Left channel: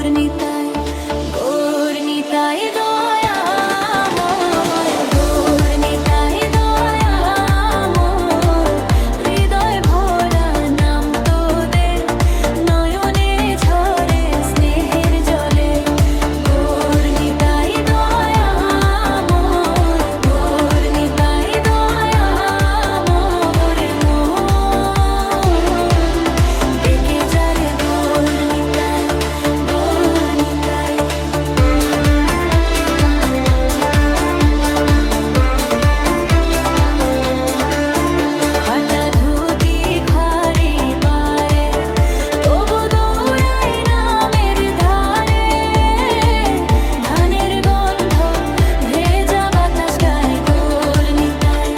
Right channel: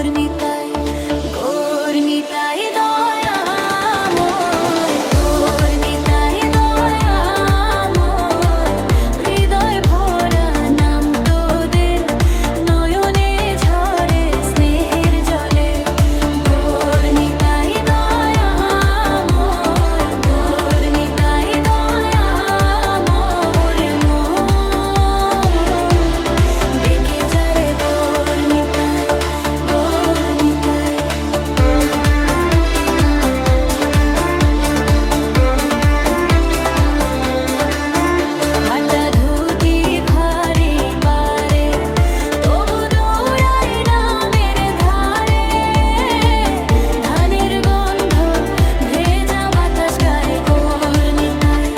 গৌরনিতাই দয়াময়, গৌরনিতাই দয়াময়, হৃদয় ভরা নাম তোদের, নয়নে ঝরে স্নেহের জলে। গৌরনিতাই দয়াময়, গৌরনিতাই দয়াময়, মোহন ডেকে যারে গৌরনিতাই, গৌরনিতাই। হাঁটা ধুতি খারি পারে, তবু দৌড়াই নামের ধারে। ধানের গন্ধ ভেজা বাতাস গায় গৌরনিতাই,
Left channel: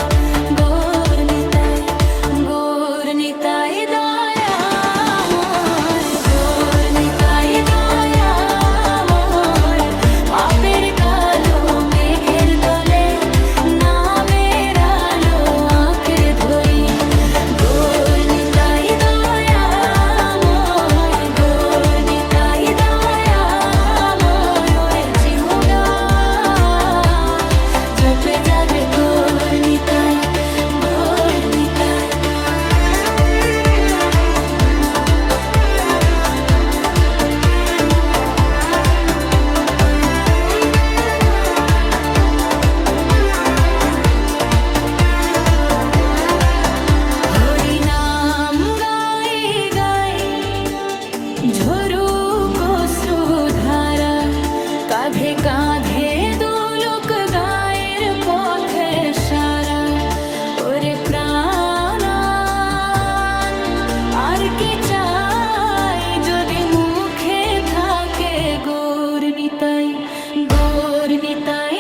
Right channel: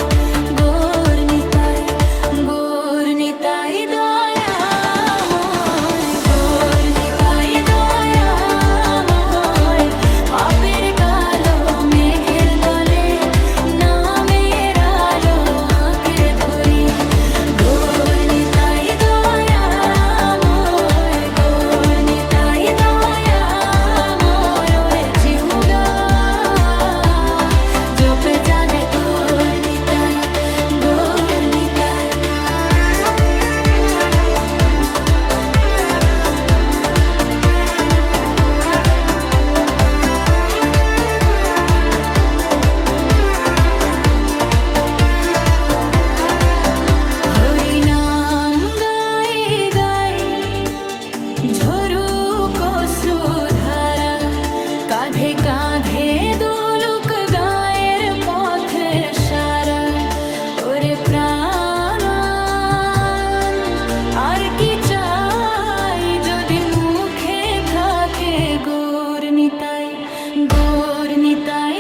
গৌরনিতাই, গৌরনিতাই দয়াময়, গৌরনিতাই দয়াময়। পাপের কালো মেঘের তলে নামের আলো আঁকড়ে ধরি। গৌরনিতাই দয়াময়, গৌরনিতাই দয়াময়, ওরে জিহুদা জপে যাবে গৌরনিতাই, গৌরনিতাই। হরিনাম গাই গাই ঝরুক অশ্রুধারা, কাঁধে কাঁধে দুলুক গায়ের পথে সারা। ওরে প্রাণ আর কি চাই, যদি মুখে থাকে গৌরনিতাই, গৌরনিতাই।